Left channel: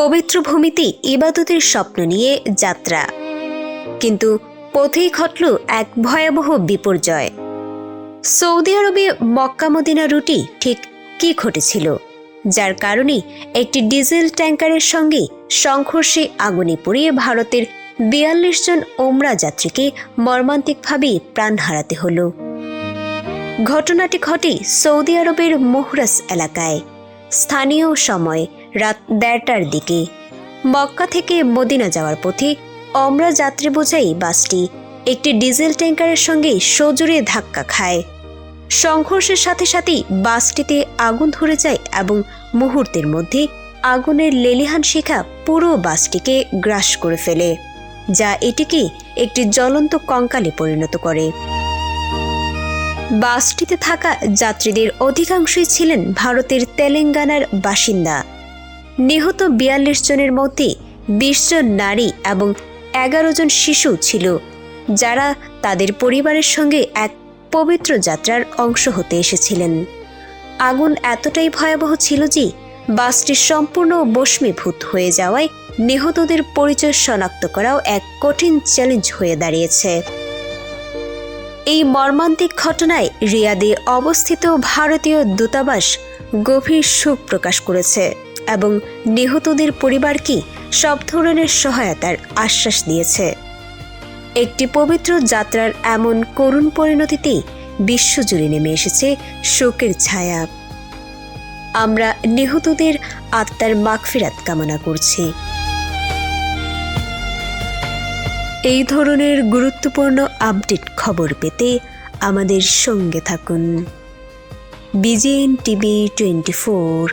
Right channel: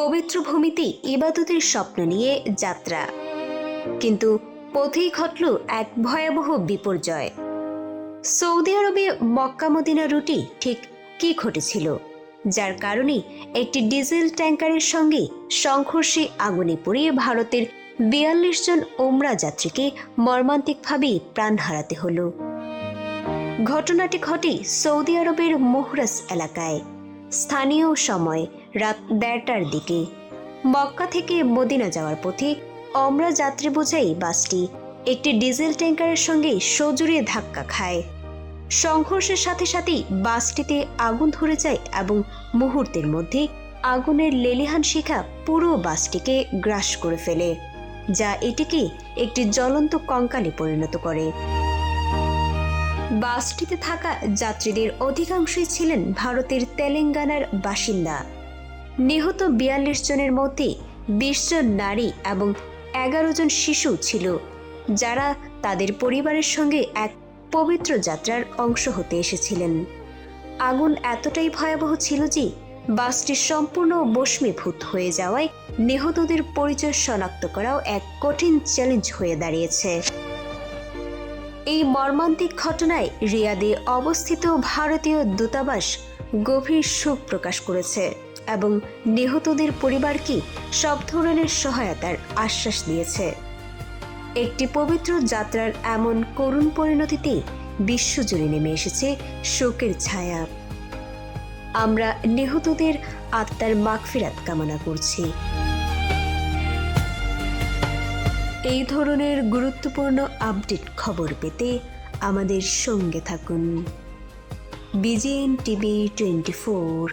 পবিত্র ভূমিতে ইবাদতের স্বপ্ন নিয়ে যাত্রা। কিন্তু পথেই ঘটল এক ভয়াবহ বিপর্যয়। সৌদি আরবে মক্কা মদিনা রুটি ঠিক কি ঘটেছিল? যার কারণে একটি ডিজেল ট্যাঙ্কারের সঙ্গে সংঘর্ষে আগুনে পড়িয়ে ভারতের বিয়াল্লিশ জন ওমরা যাত্রীকে মর্মান্তিকভাবে প্রাণ হারাতে হলো। ঘটনাটি ঘটে সৌদি আরবের মোহরাস এলাকায়। স্থানীয় সময় রাত দেড়টার দিকে। মক্কা থেকে মদিনা যাওয়ার পথে অমরা যাত্রী বোঝাই বাসটি একটি ডিজেল ট্যাঙ্কারের সঙ্গে সজোরে ধাক্কা খায়। সংঘর্ষের সাথে সাথেই বাসটিতে আগুন ধরে যায় এবং মুহূর্তের মধ্যে আগুনের লেলিহান শিখা পুরো বাসটিকে গ্রাস করে ফেলে, যা এটিকে একটি জ্বলন্ত কঙ্কালে পরিণত করে। বাসটিতে থাকা যাত্রীদের অধিকাংশই ছিলেন ভারতের তেলেঙ্গানার বাসিন্দা। নিহত বিয়াল্লিশ জনের মধ্যে বিশ জন নারী এবং এগারো জন শিশু ছিল, যারা তাদের পরিবারের সঙ্গে এক পবিত্র যাত্রার অংশ হতে এসেছিলেন। আগুন এতটাই ভয়াবহ ছিল যে বাসটি সম্পূর্ণ বস্মীভূত হয়ে যাওয়ায় নিহতদের পরিচয় শনাক্ত করাও এক কঠিন চ্যালেঞ্জ হয়ে দাঁড়িয়েছে। এই মর্মান্তিক ঘটনায় রিয়াদে অবস্থিত ভারতীয় দূতাবাস গভীর শোক প্রকাশ করেছে। এবং নিহতদের পরিবারকে সব ধরনের সহায়তার আশ্বাস দিয়েছে। একটি পবিত্র যাত্রার এমন করুণ পরিণতিতে বিশ্বজুড়ে নেমে এসেছে শোকের ছায়া। আমরা নিহতদের আত্মার মাগফিরাত কামনা করছি। এই ধরনের গুরুত্বপূর্ণ আপডেট খবর পেতে আমাদের সঙ্গে থাকুন। বিজেএন টিভি টোয়েন্টি ফোর